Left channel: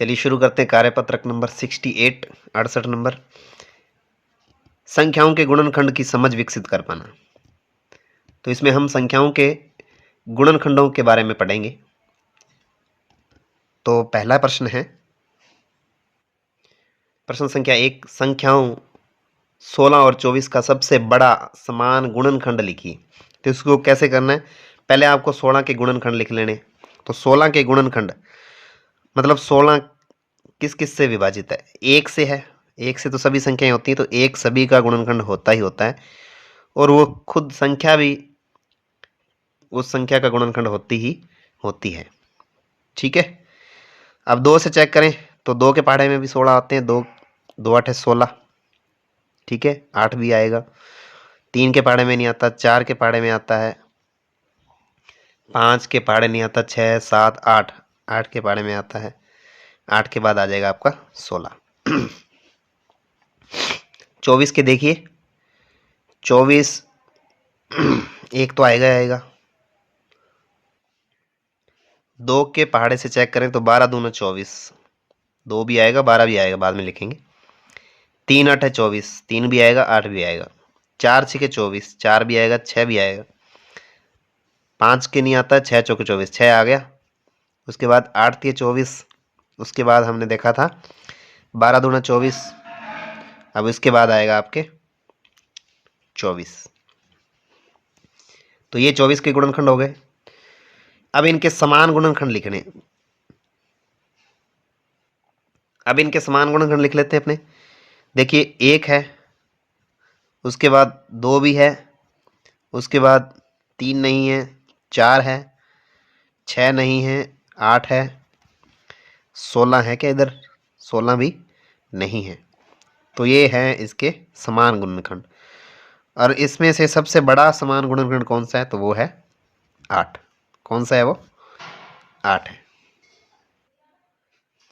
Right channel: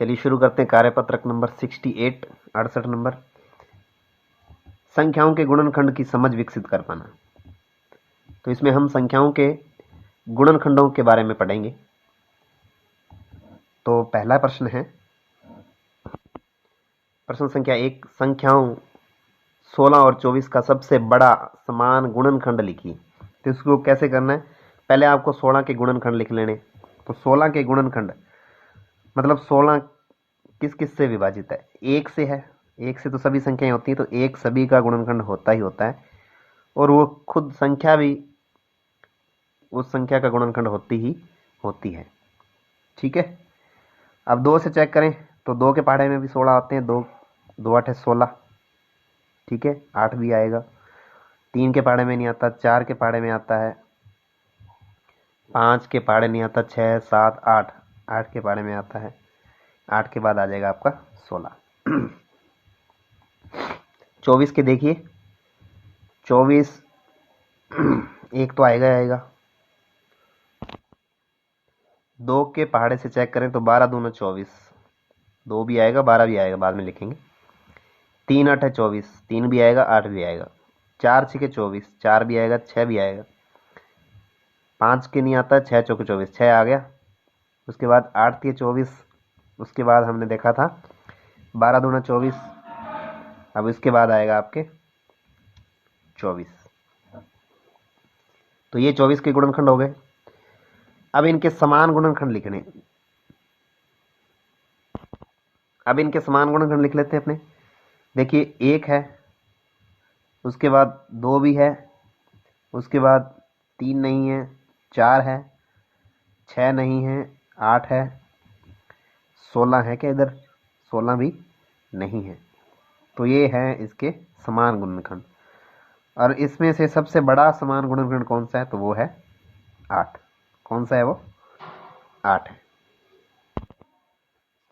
चलिए शुरू करते हैं कार्यपत्रक नंबर 68 68 नंबर, संख्याओं के गुणनखंड की समझ विकसित कर पाना। तो इसमें हम संख्याओं के गुणनखंडों के बारे में पढ़ेंगे। तो पहला प्रश्न है, प्रश्न संख्या 1, संख्याओं 16 और 24 का सबसे बड़ा समान गुणनखंड लिखिए। तो इसको कैसे करना है, पहले आपको 16 के गुणनखंड लिख लेने। तो 16 के गुणनखंड मतलब 16 किस किस से विभाजित है, एक से है, एक से तो सभी संख्याएं होती हैं, तो एक सभी का गुणनखंड होता ही होता है, और वो खुद संख्या भी उस संख्या का गुणनखंड होती ही होती है। ठीक है। अब 2 से चेक करें तो 2 के पहाड़े में भी 16 आते हैं, 2 2 8 16। ठीक है, 8 भी आएगा। 3 के पहाड़े में नहीं आता, 4 के पहाड़े में आता है, 5 के पहाड़े नहीं आता, 6 7 8 8 के पहाड़े में आता है। 8 के बाद आ जाएगा आपका 16। 24 के देखिए, 24 एक तो आएगा आएगा। 2 के पहाड़े से चेक करें तो 12 दूना 24, 2 भी आएगा, 12 भी आएगा, बाद में लिखेंगे। 3 8 है 24, 3 भी आएगा, 8 भी आएगा। 4 6 24, 4 भी आएगा, 6 भी आएगा। 5 के नहीं आता, 6 चौके 24, 6 आ गया। उसके बाद 8 3 24, उसके बाद हमने देखा था 12 दूना 24। अब इसके बाद आएगा आपके 24। तो ये 24 के गुणनखंड हो गए। अब इनके समान गुणनखंड लिखने, अब इनके समान गुणनखंड लिख लेते हैं अपने। देखिए 1 है, उसके बाद 2 भी है, उसके बाद 3 नहीं है, 4 है, 6 नहीं है, 8 है, 16 है क्या इधर, 16 भी नहीं है। तो ये है इसके समान गुणनखंड, और इसमें से सबसे बड़ा समान गुणनखंड कौन सा है, तो वो है 8। कौन सा है वो, 8 है।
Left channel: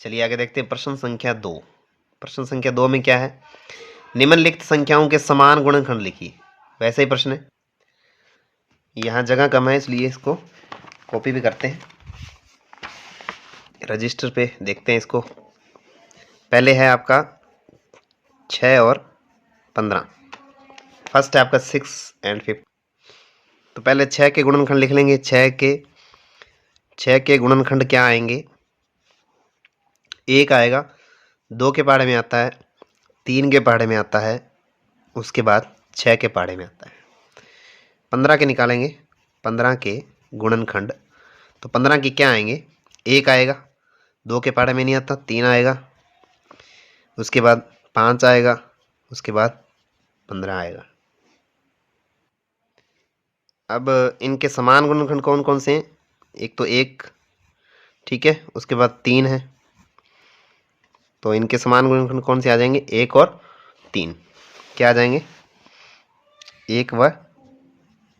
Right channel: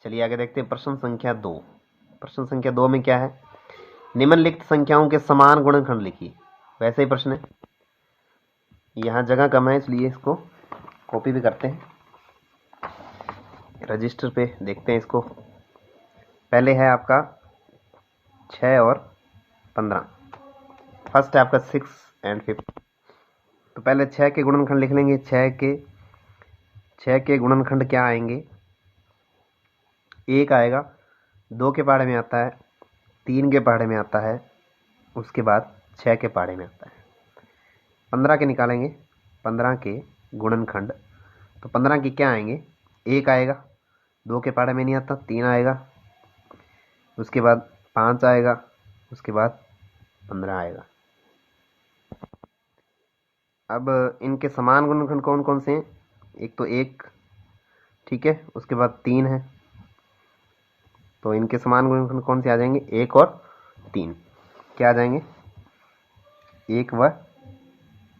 चलिए आगे देखते हैं प्रश्न संख्या 2। प्रश्न संख्या 2 में क्या है, निम्नलिखित संख्याओं के समान गुणनखंड लिखिए। वैसे ही प्रश्न है, यहाँ जगह कम है इसलिए इसको कॉपी भी करते हैं, रजिस्टर पे देखते हैं इसको। पहले है आपका 6 और 15, फर्स्ट है आपका 6 एंड 5। तो पहले 6 के गुणनखंड लिख लेंगे। 6 के गुणनखंड क्या आएंगे, 1 आएगा, 2 के पहाड़े में आता है, 3 के पहाड़े में आता है, उसके बाद 6 के पहाड़े में आता है। 15 के निकालेंगे, 15 के गुणनखंड, तो 15 की क्या आएंगे, 1 आएगा, 2 के पहाड़े में नहीं आता, 3 आएगा, उसके बाद 5 आएगा, उसके बाद 15 आएगा। अब इनके समान गुणनखंड कौन कौन से हैं, एक तो 1, ठीक है, उसके बाद 3 है। तो इनके समान गुणनखंड कौन से आ जाएंगे, 1 और 3। क्या आ जाएंगे, 1 व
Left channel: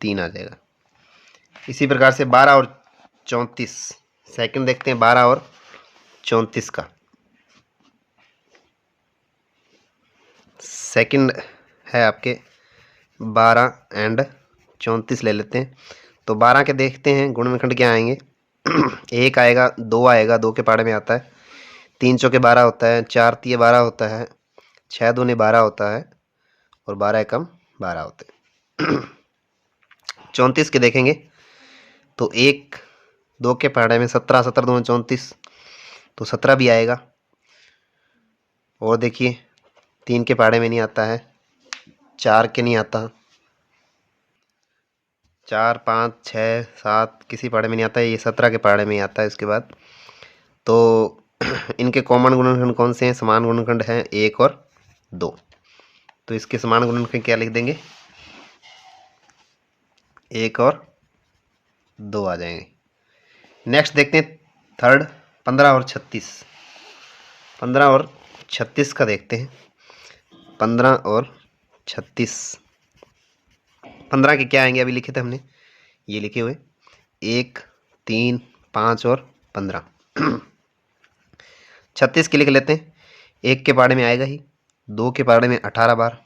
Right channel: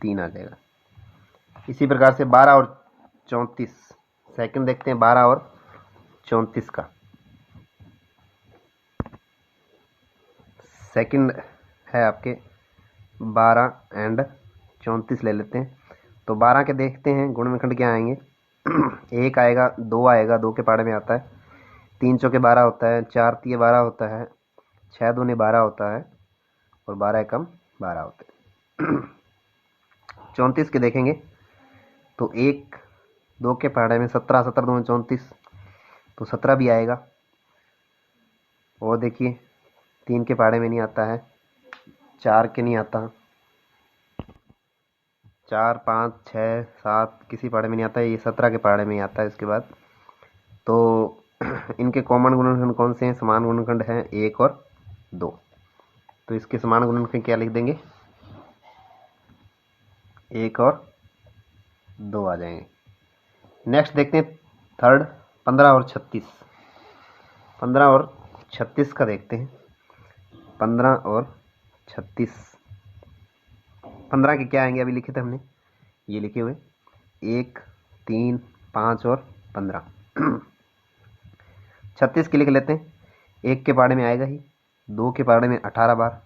3 आ जाएगा। इसी प्रकार से 12 और 34, सेकंड देखते हैं 12 और 34 का। सेकंड है आपके 12 एंड 34 ले लेते हैं। तो 12 के देखते हैं गुणनखंड क्या आएंगे। 1 आएगा, 2 आएगा, 2 के पहाड़े में आता है, 3 चौके 12 होता है, 4 तिये 12 होता है, 6 दूने 12 होता है, और 12 एकम 12 होते हैं। 34 के देखेंगे तो 1 2 के पहाड़े में 17, 17 दूने 34, तो 17 भी आएगा। और देखिए 3 के पहाड़े में नहीं आता है, 4 के नहीं आता, 4 5 6 7 किसी पहाड़े में नहीं आता है, ये 17 के पहाड़े में ही आता है। इसके बाद तो इनके कॉमन गुणनखंड कौन से हैं, समान गुणनखंड हैं 1 और 2। तो इसके समान गुणनखंड क्या लिख देंगे, 1 और 2 आ जाएंगे। नेक्स्ट देखते हैं थर्ड, 15 और 36। 15 और 36 का देखते हैं। 15 और 36, 15 के क्या आएंगे, अभी लिखे थे हमने, ये लिखे हुए 1 3 5 और 15। 36 के लिख लेते हैं। 1 के पहाड़े में आएगा ही, 2 के पहाड़े में 18 बार,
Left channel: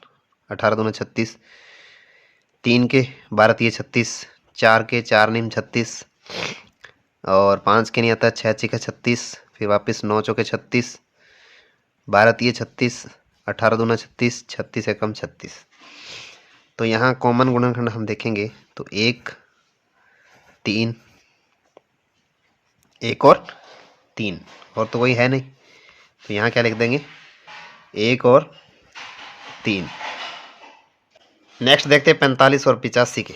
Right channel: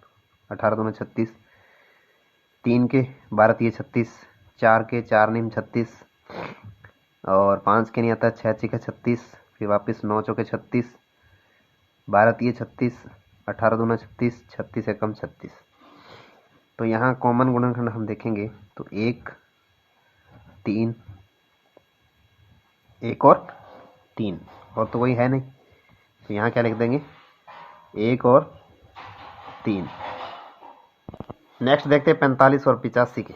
18 दूना 36, 3 के 12 तिये 36, 4 के 4 नीम 36, और 5 के नहीं आता, 6 छिका 36, फिर वापस 9 चौके 36, 12 तिये 36, 18 दूना 36, 36 एकम 36। तो यहाँ कॉमन गुणनखंड हम देखेंगे तो 1 3, 1 और 3, और तो कोई है नहीं, तो यहाँ क्या लिख देंगे 1 और 3। नेक्स्ट देखते हैं 45 और 85 के।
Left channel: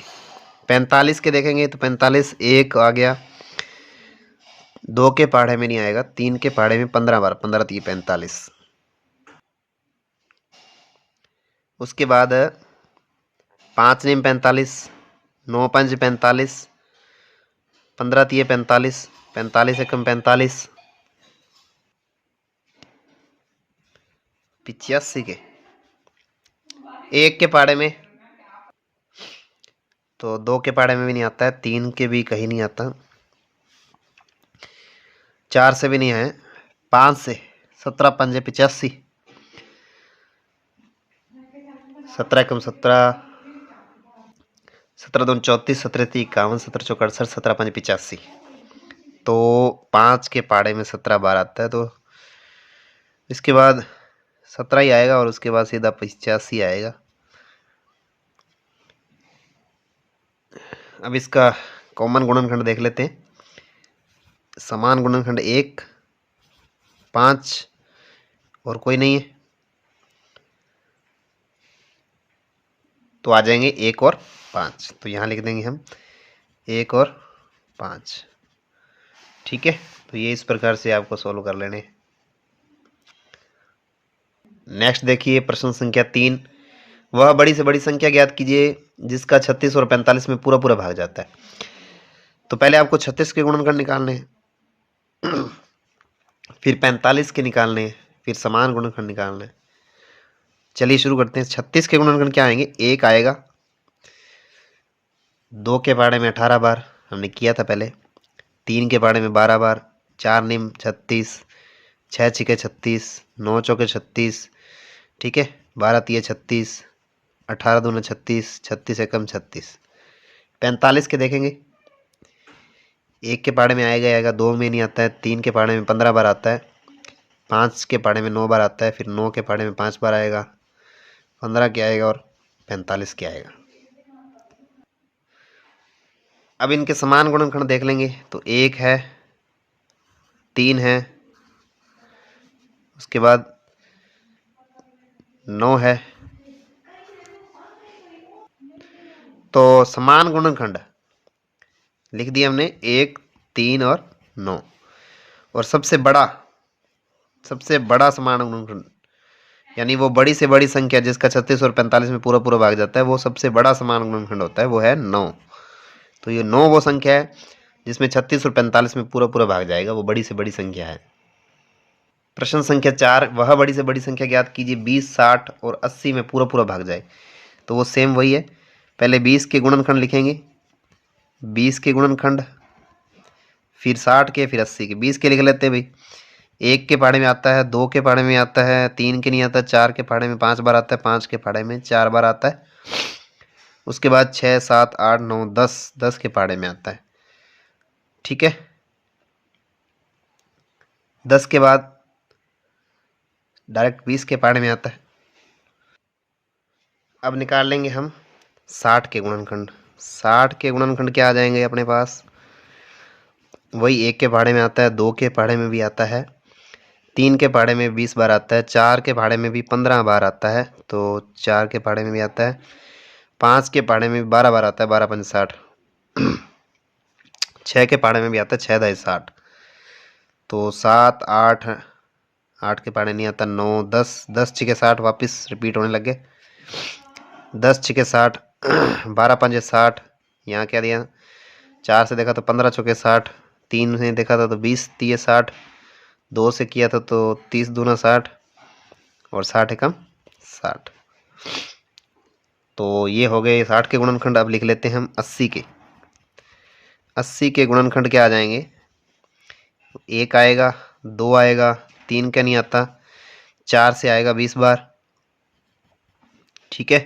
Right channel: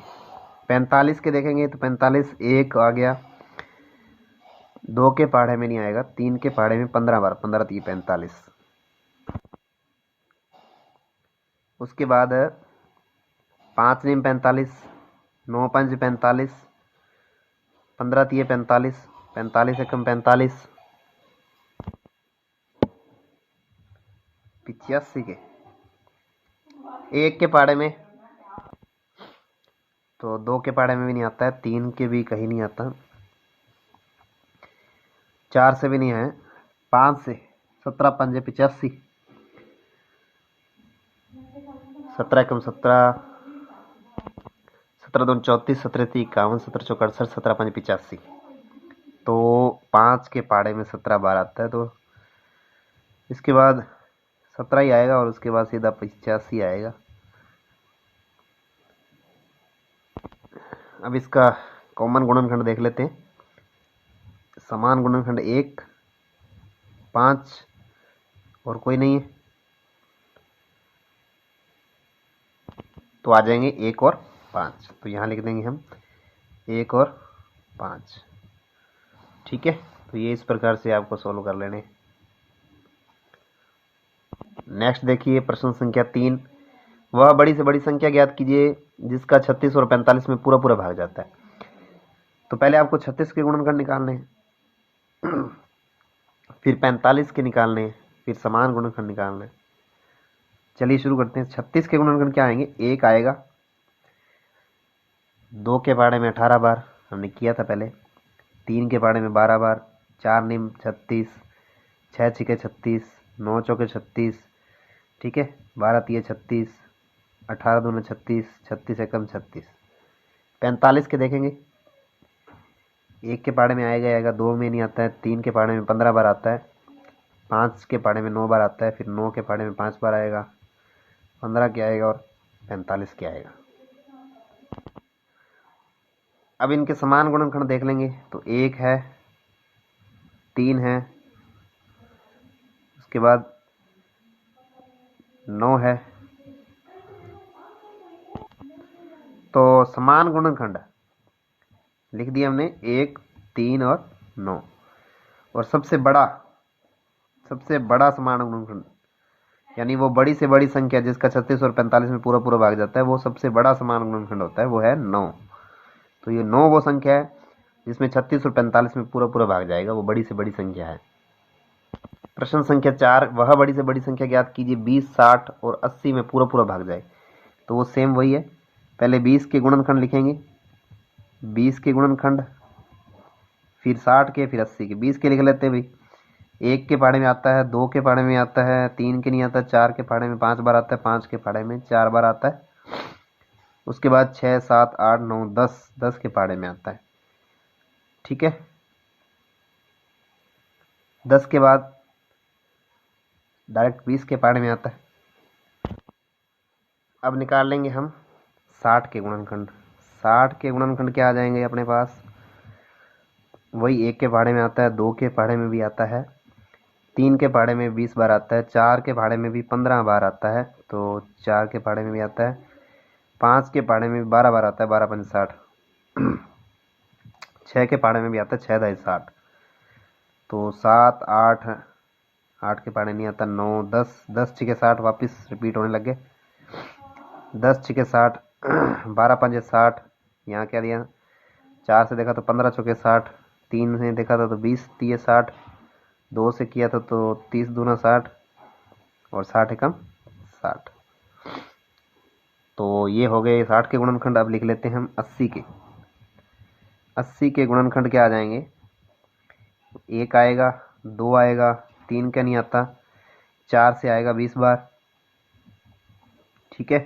45 के देखेंगे तो 45 1 आ गया, 2 के पहाड़े में नहीं आएगा, 3 के पहाड़े में 15 बार, 15 3 45। उसके बाद 5 नीम 45, 9 पंज 45, 15 तिये 45, 45 एकम 45। 85 के 1 के पहाड़े में, तो 2 के पहाड़े में भी नहीं आता है, 3 के भी कहीं नहीं आता, 4 से भी नहीं है, 5 से 17 पंजे 85, 17 एकम 17, 17 दून 34, 17 ती 51, 17 चौक 68, 17 पंजे 85। तो 5 के पहाड़े में 17 बार आता है, तो इसके बाद 17 ही आएगा और उसके बाद सीधा 85 आएगा। अब इसका कॉमन गुणनखंड देख लेते हैं। समान गुणनखंड 1 5 और कोई नहीं है, तो आ जाएंगे 1 और 5। तो यहाँ लिख देंगे हम 1 और 5। ठीक है, तो ये इस प्रकार से आपको सॉल्व कर लेने। नेक्स्ट देखिए प्रश्न संख्या 3। वह बड़ी से बड़ी संख्या ज्ञात कीजिए जिसका 36 और 45 में पूरा पूरा भाग जाता है। तो पहले आपको 36 के गुणनखंड निकालने हैं, फिर 45 के निकालने हैं, फिर समान गुणनखंड निकालने हैं। चलिए शुरू करते हैं। 36 के गुणनखंड क्या आएंगे, 1 आएगा, 2 के पहाड़े में 18 बार हमने किया था पहले, 3 के पहाड़े में 12 बार, 4 निम 36, 6 छिके 36, 9 चौके 36, ठीक है, 12 तिये 36, 18 दूना 36, 36 एकम 36। 45 के देखेंगे, 1 के पहाड़े में आएगा, 2 में नहीं आता है, 3 के पहाड़े में 15 बार आता है, 5 के पहाड़े में 9 बार आता है, फिर 9 के पहाड़े में 5 बार आएगा, 15 के आएगा और 45 के आएगा। अब इनके समान गुणनखंड देख लेंगे तो 1 है, 3 है, उसके बाद 9 है। तो समान गुणनखंड लिख दिया हमने 1 3 और 9। और सबसे बड़ा समान गुणनखंड यानी वो बड़ी से बड़ी संख्या जिसका 36 और 45 में पूरा पूरा भाग जाता है, वो सबसे बड़ा समान गुणनखंड होता है, वो है 9। तो ये 9 वो संख्या है जिसमें 36 और 45 में पूरा पूरा भाग जाएगा, वो बड़ी से बड़ी संख्या है। प्रश्न संख्या 4। वह बड़ी से बड़ी संख्या ज्ञात कीजिए 20 60 और 80 में पूरा पूरा भाग जाए। तो वो सेम वही है, पहले 20 के गुणनखंड लिखेंगे, 20 के गुणनखंड, फिर 60 के, फिर 80 के। 20 के लिख लेते हैं भाई, 1 के पहाड़े में आता है, 2 के पहाड़े में आता है, 3 के नहीं आता, 4 के पहाड़े में 5 बार आता है, 5 के पहाड़े में 4 बार आता है, उसके बाद 6 7 8 9 10, 10 के पहाड़े में आता है। ठीक है, 10 के बाद डायरेक्ट 20 के पहाड़े में आता है। अब निकाल लेंगे हम 60 के गुणनखंड। 60 के गुणनखंड क्या आ जाएंगे अपने पास, वही 1 के पहाड़े में आता है, 2 के पहाड़े में भी आता है, 3 के पहाड़े में 20 बार आता है, 4 के पहाड़े में भी 15 बार आता है, तो 4 के पहाड़े में भी आता है, 5 के पहाड़े में भी 12 बार आता है, 12 पंच 60, 6 के पहाड़े में भी आता है, 6 दाई 60, तो 7 8, 8 के पहाड़े नहीं आता, 9 10, 10 छिके 60 वापस रिपीट होने लगे, 10 छिके 60, 12 पंजे 60, यहाँ क्या दिया, 4 से देखा तो 15 चौके 60, 3 से देखा था तो 20 तिये 60, 2 से किया था तो 30 दूना 60 और 60 एकम 60। तो ये हो गए 60 के गुणनखंड। अब लिख लेते हैं हम 80 के। 80 के गुणनखंड क्या आ जाएंगे, 1 आएगा, 2 आएगा, 3 का नहीं आता, 4 से आएगा 20 बार, ठीक है,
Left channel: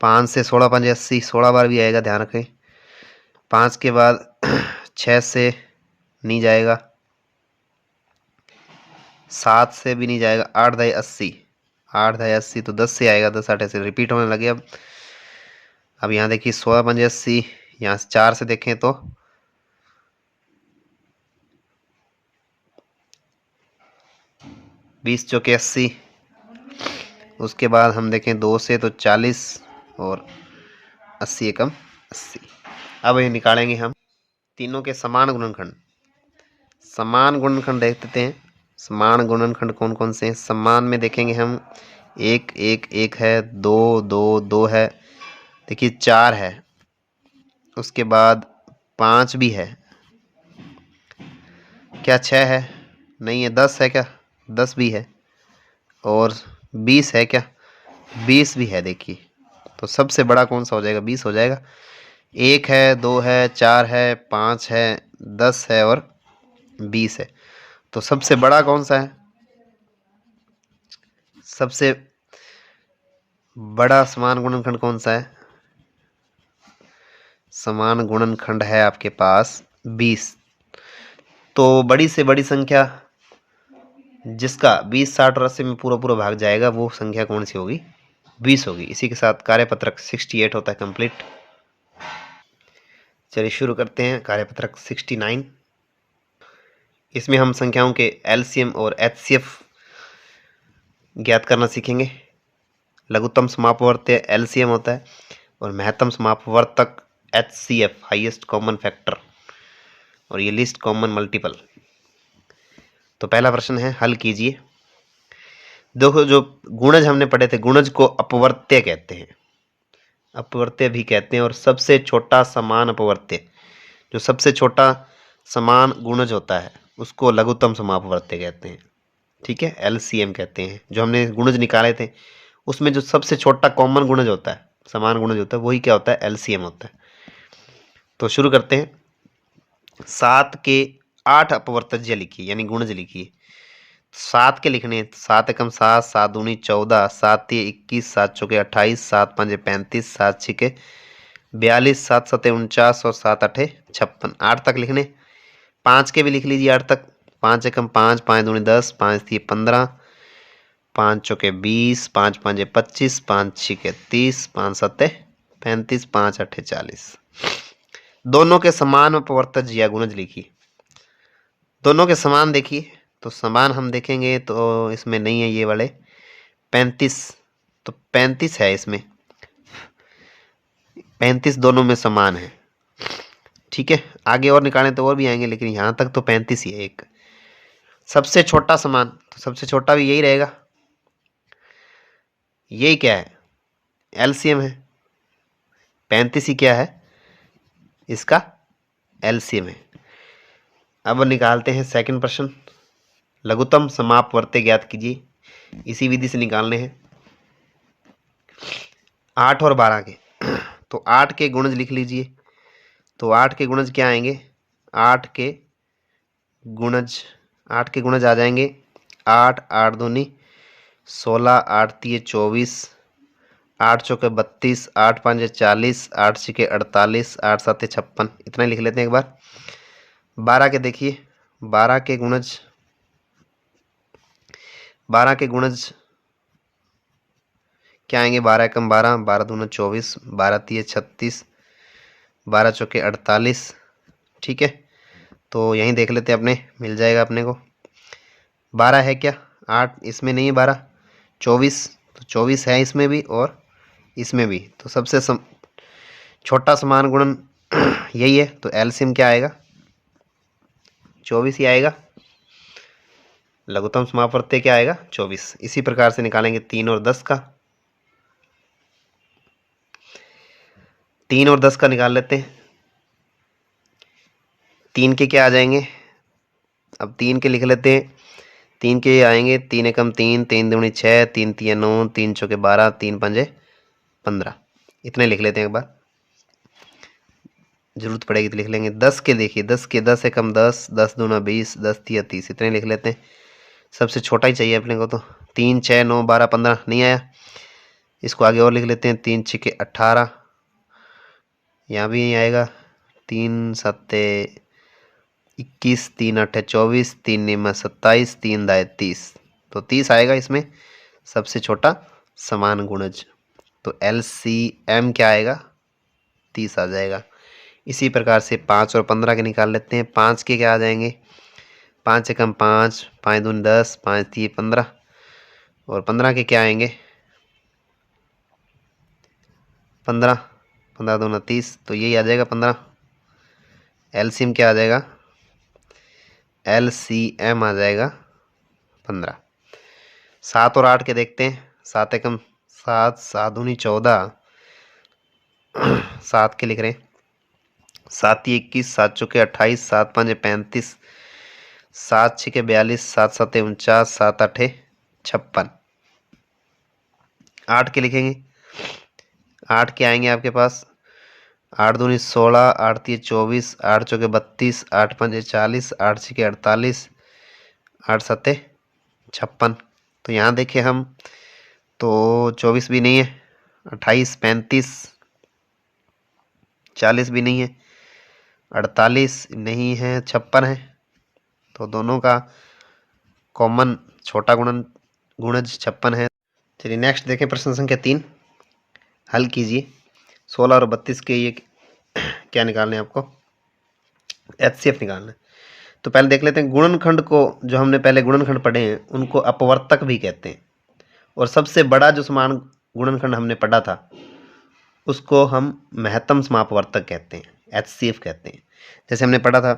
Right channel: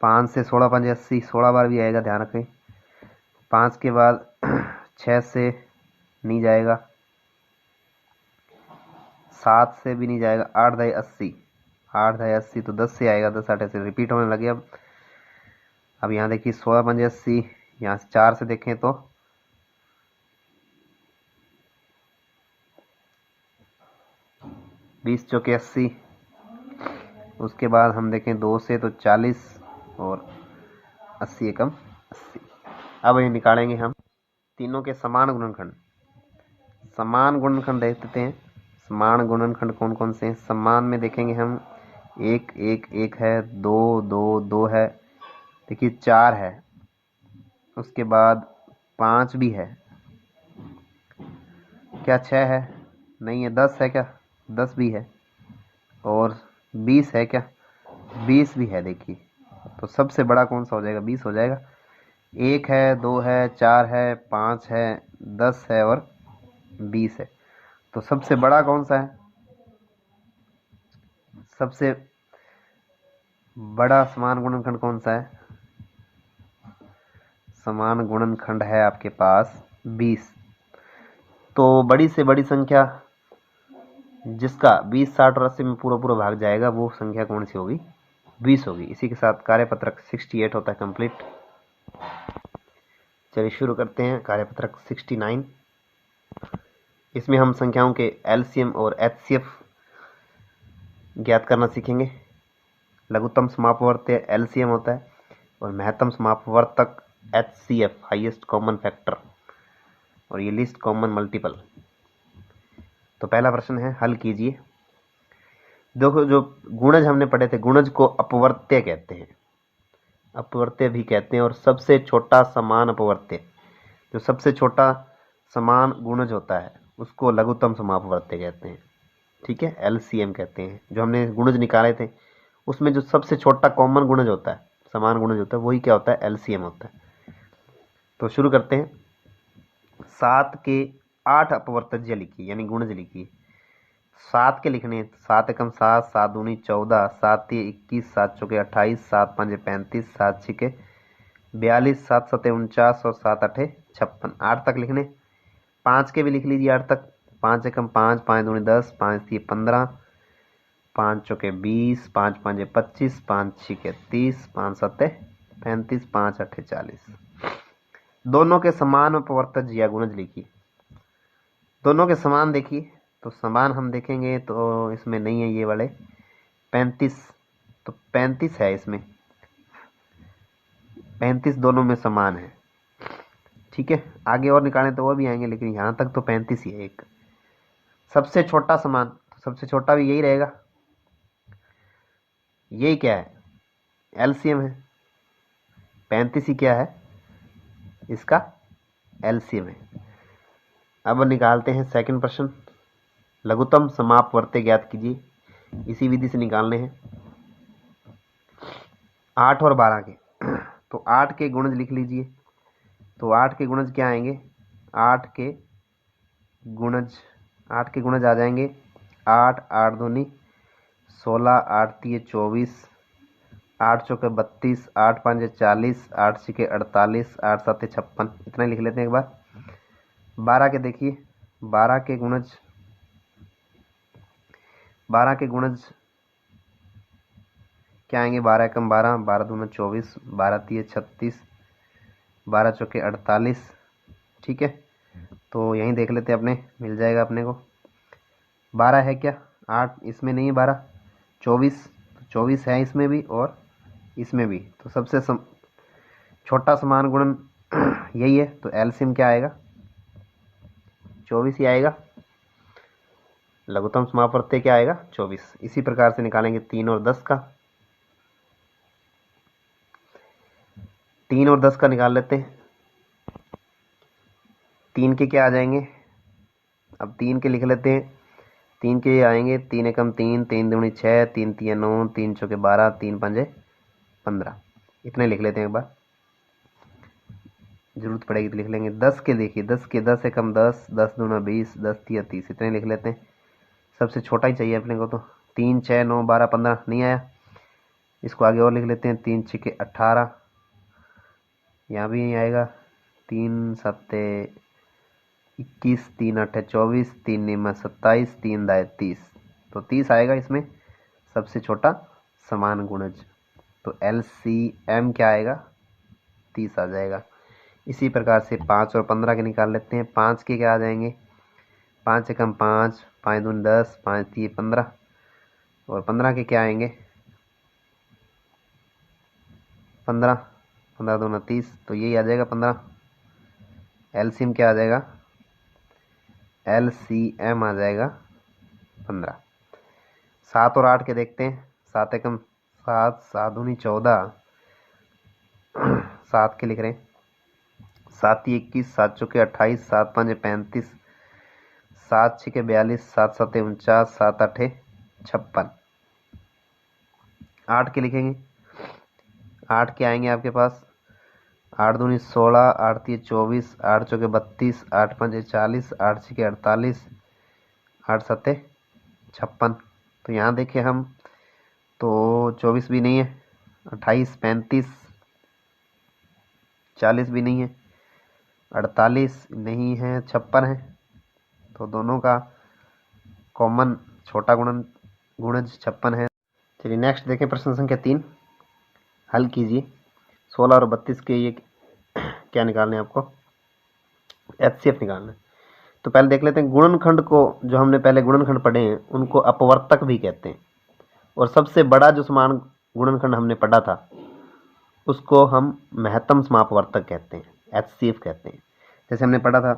5 से 16 पंजे 80, 16 बार भी आएगा, ध्यान रखें। 5 के बाद 6 से नहीं जाएगा, 7 से भी नहीं जाएगा। 8 दाई 80, 8 दाई 80 तो 10 से आएगा, 10 8 से रिपीट होने लगे। अब यहाँ देखिए 16 पंजे 80, यहाँ से 4 से देखें तो 20 चौके 80, उसके बाद हम देखें 2 से तो 40 और 80 एकम 80। अब ये निकालेंगे हम तीनों के समान गुणनखंड। समान गुणनखंड देख लेते हैं। समान गुणनखंड कौन कौन से हैं? समान में देखेंगे हम 1 1 1 है, 2 2 2 है, देखिए 4 है, उसके बाद 5 भी है, क्या 6 है? नहीं है। 10 है क्या? 10 भी है, और 20 है क्या? 20 भी है। देखिए तो सबसे बड़ा कौन सा हो जाएगा? 20 हो जाएगा। 1 है, 2 है, 4 है, 5 है, 10 है और 20 है। तो सबसे बड़ा कौन सा है? सबसे बड़ा समान गुणनखंड कौन सा है? समान गुणनखंड है आपके पास 20। तो बड़ी से बड़ी संख्या जिसका 20 60 और 80 में पूरा पूरा भाग जाएगा वो संख्या कौन सी होगी? 20 होगी। इसी के साथ कार्यपत्रक 68 होता है कंप्लीट। चलिए शुरू करते हैं कार्यपत्रक 69। इसमें हम संख्याओं के एलसीएम और एचसीएफ ज्ञात करना सीखेंगे। लघुत्तम समापवर्त्य एलसीएम होता है और महत्तम समापवर्तक एचसीएफ हाईएस्ट कॉमन फैक्टर, और ये लिस्ट कॉमन मल्टीपल। तो पहला प्रश्न है, हल कीजिए। देखो जो गुणज हमने पढ़े थे, गुणज को अपवर्त्य कहते हैं, अपवर्त्य भी कहते हैं, और सबसे छोटा समान अपवर्त्य, जो सबसे छोटा समान गुणज होता है उसको लघुत्तम समापवर्त्य कहते हैं। ठीक है, एलसीएम कहते हैं। जो हमने गुणज निकाले थे उसमें जो सबसे छोटा कॉमन गुणज होता है, समान गुणज होता है, वही क्या होता है? एलसीएम होता है। तो शुरू करते हैं। 7 के 8 अपवर्तज्य लिखिए, यानी गुणज लिखिए। 7 के लिखने 7 एकम 7, 7 दूनी 14, 7 तिये 21, 7 चौके 28, 7 पंजे 35, 7 छिके 42, 7 सते 49 और 7 अठे 56। 8 तक लिखने। 5 के भी लिख लीजिए 8 तक। 5 एकम 5, 5 दूनी 10, 5 तिये 15, 5 चौके 20, 5 पंजे 25, 5 छिके 30, 5 सते 35, 5 अठे 40। दोनों के समान अपवर्तज या गुणज लिखिए। दोनों के समान देखिए, तो समान हम देखेंगे तो इसमें नहीं है ये वाले 35, तो 35 है इसमें, 35 दोनों में समान है। ठीक है, आगे और निकालें तो और भी आएंगे, लेकिन यहाँ तक तो 35 ही है। एक सबसे छोटा समान, तो सबसे छोटा भी यही रहेगा। यही क्या है? एलसीएम है। 35 ही क्या है? इसका एलसीएम है। अब निकालते हैं सेकंड प्रश्न। लघुत्तम समापवर्त्य ज्ञात कीजिए। इसी विधि से निकालने हैं। 8 और 12 के तो 8 के गुणज लिख लीजिए। तो 8 के गुणज क्या आएंगे? 8 के गुणज 8 के गुणज आ जाएंगे 8 8 दूनी 16, 8 तिये 24, 8 चौके 32, 8 पंजे 40, 8 छिके 48, 8 सते 56। इतना ही लिख लेते हैं एक बार। 12 के देखिए, 12 के गुणज 12 के गुणज क्या आएंगे? 12 एकम 12, 12 दूना 24, 12 तिये 36, 12 चौके 48। ठीक है, तो यहीं देख लेते हैं, अपने मिल जाएगा अपने को। 12 है क्या? 8 इसमें नहीं है, 12 24, तो 24 है इसमें भी और इसमें भी। तो सबसे छोटा समान गुणन यही है, तो एलसीएम क्या आएगा? 24 ही आएगा। लघुत्तम समापवर्त्य क्या आएगा? 24। इसी प्रकार से निकालेंगे 3 और 10 का। 3 और 10 का निकाल लेते हैं। 3 के क्या आ जाएंगे? अब 3 के लिख लेते हैं। 3 के आएंगे 3 एकम 3, 3 दूनी 6, 3 तिये 9, 3 चौके 12, 3 पंजे 15। इतने लिख लेते हैं एक बार, जरूरत पड़ेगी तो लिख लेंगे। 10 के देखिए, 10 के 10 एकम 10, 10 दूना 20, 10 तिया 30। इतने लिख लेते हैं। सबसे छोटा ही चाहिए अपने को, तो 3 6 9 12 15 नहीं आया। इसको आगे और लिख लेते हैं। 3 छिके 18, यहाँ भी नहीं आएगा। 3 सत्ते 21 3 8 24 3 9 27 3 दाए 30, तो 30 आएगा इसमें सबसे छोटा समान गुणज। तो LCM क्या आएगा, 30 आ जाएगा। इसी प्रकार से 5 और 15 के निकाल लेते हैं। 5 के क्या आ जाएंगे, 5 से कम 5, 5 दूनी 10, 5 3 15, और 15 के क्या आएंगे 15, 15 दूना 30, तो यही आ जाएगा 15। एलसीएम क्या आ जाएगा, LCM आ जाएगा 15। 7 और 8 के देखते हैं। 7 एकम 7, 7 दूनी 14, 7 के लिख रहे हैं। 7 ही 21, 7 चौके 28, 7 5 35, 7 6 42, 7 7 49, 7 8 56। 8 के लिखेंगे। 8 के आएंगे आपके पास 8 दूनी 16, 8 तीन 24, 8 चौके 32, 8 5 40, 8 6 48, 8 7 56। तो यहाँ देखिए हम तो 24 भी नहीं है, 28 35, 40 भी नहीं है, 48 नहीं है, 56 है। तो दोनों का कॉमन छोटा गुणज 56 है। चलिए नेक्स्ट देखें प्रश्न संख्या 3, हल कीजिए। 16 और 32 के ये क्या निकालना है आपको, HCF निकालना है। तो पहले देख लेते हैं गुणनखंड को, जो हमने पहले गुणनखंड पढ़े हैं उनको अपवर्तक भी कहते हैं, और सबसे बड़ा जो समान गुणनखंड हमने पढ़ा था उसको हम महत्तम समापवर्तक कहते हैं, HCF कहते हैं। जैसे हमने पढ़ा था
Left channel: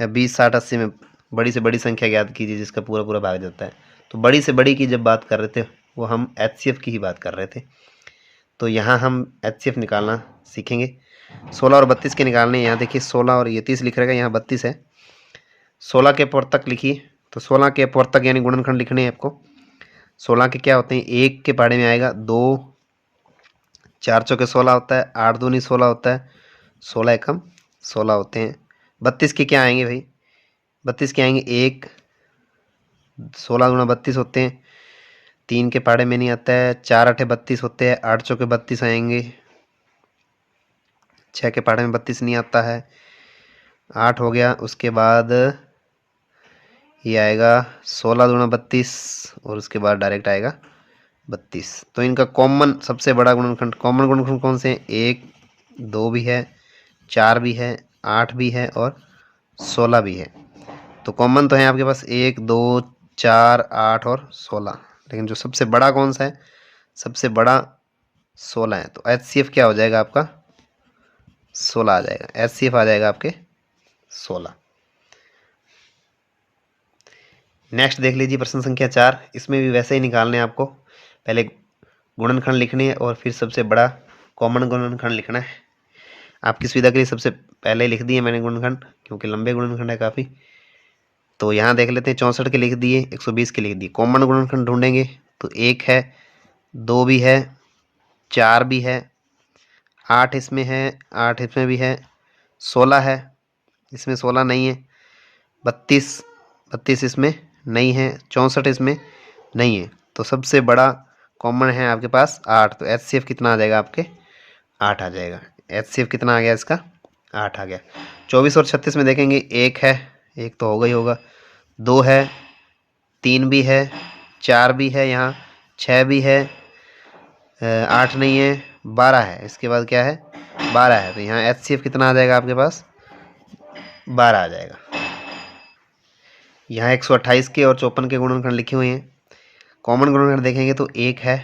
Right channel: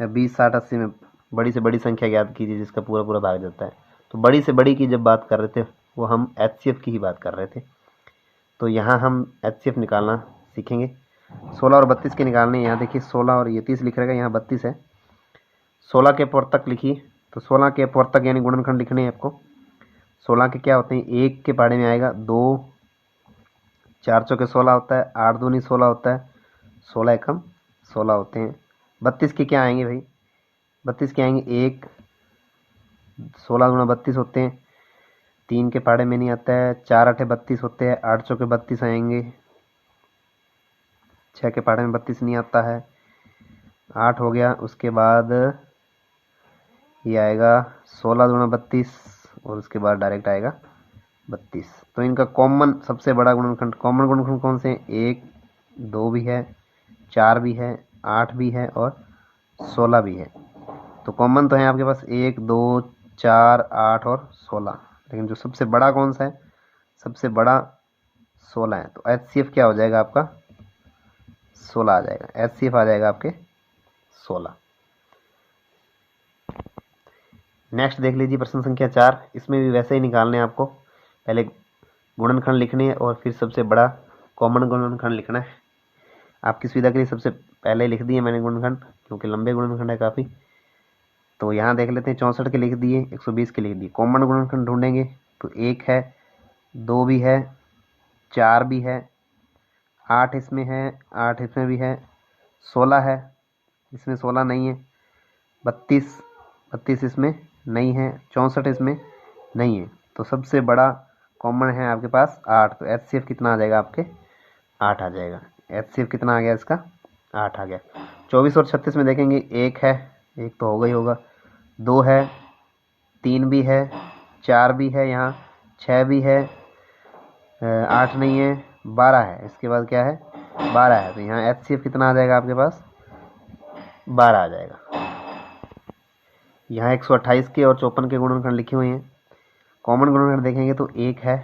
20 60 80 में बड़ी से बड़ी संख्या ज्ञात कीजिए जिसका पूरा पूरा भाग जाता है। तो बड़ी से बड़ी की जब बात कर रहे थे वो हम HCF की ही बात कर रहे थे। तो यहाँ हम HCF निकालना सीखेंगे। 16 और 32 के निकालने, यहाँ देखिए 16 और ये 30 लिख रहेगा, यहाँ 32 है। 16 के अपवर्तक लिखिए। तो 16 के अपवर्तक यानी गुणनखंड लिखने हैं आपको। 16 के क्या होते हैं, 1 के पहाड़े में आएगा 2, 4 चौके 16 होता है, 8 दूनी 16 होता है, 16 एकम 16 होते हैं। 32 के क्या आएंगे भाई, 32 के आएंगे 1, 16 गुणा 32 होते हैं, 3 के पहाड़े में नहीं आता है, 4 8 32 होते हैं, 8 चौके 32 आएंगे, 6 के पहाड़े में 32 नहीं आता है, 8 हो गया। उसके बाद ये आएगा 16 दूना 32, और उसके बाद डायरेक्ट आएगा 32। तो इनका कॉमन सबसे बड़ा गुणनखंड, कॉमन गुणनखंड कौन से हैं, 1 2 भी है, 4 भी है, 8 भी है और 16 भी है। तो कॉमन तो है आपके पास 1 2 4 8 और 16, लेकिन जो सबसे बड़ा कौन सा है, सबसे बड़ा 16 है। तो HCF क्या हो जाएगा आपका, 16 आ जाएगा। HCF आ जाएगा आपके 16। नेक्स्ट देख लीजिए प्रश्न संख्या 4। इसमें भी वैसे ही निकालने हैं आपको, पहले गुणनखंड लिखने हैं और फिर सबसे बड़ा कॉमन गुणनखंड लिखना है। आपकी सुविधा के लिए सबसे पहले लिख दिए मैंने गुणनखंड, क्योंकि लंबे गुणनखंड है काफ़ी। तो यहाँ देख लेते हैं 64 के लिख दिए, 120 के लिख दिए। कॉमन गुणनखंड ढूंढेंगे तो 1 है, 2 भी है, 4 भी है, 8 इसमें है, 8 इसमें भी है, 16 है, इसमें 16 नहीं है, 32 32 इसमें नहीं है, 64 इसमें नहीं है। तो सबसे बड़ा कॉमन है आपके पास 8। तो HCF कितना आ जाएगा आपके, 8 आ जाएगा। HCF कितना आ गया इसका, 8 आ गया। 24 और 36 में देखेंगे 1 है, 1 तो होगा ही होगा, 2 है, 3 भी है, 4 भी है, यहाँ 6 भी है, 8 नहीं है, 12 है। इसके बाद क्या है, 12 है। तो यहाँ HCF कितना आ जाएगा आपके पास, 12 आ जाएगा। यहाँ 128 के और 54 के गुणनखंड लिखे हुए हैं। कॉमन गुणनखंड देखेंगे तो 1 है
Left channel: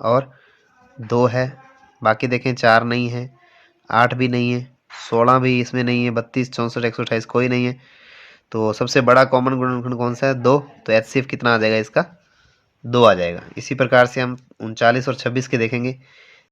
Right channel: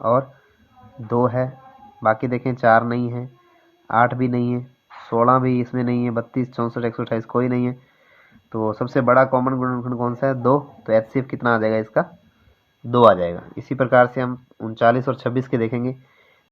और 2 है, बाकी देखें 4 नहीं है, 8 भी नहीं है, 16 भी इसमें नहीं है, 32 64 128 कोई नहीं है। तो सबसे बड़ा कॉमन गुणनखंड कौन सा है, 2। तो HCF कितना आ जाएगा इसका, 2 आ जाएगा। इसी प्रकार से हम 39 और 26 के देखेंगे।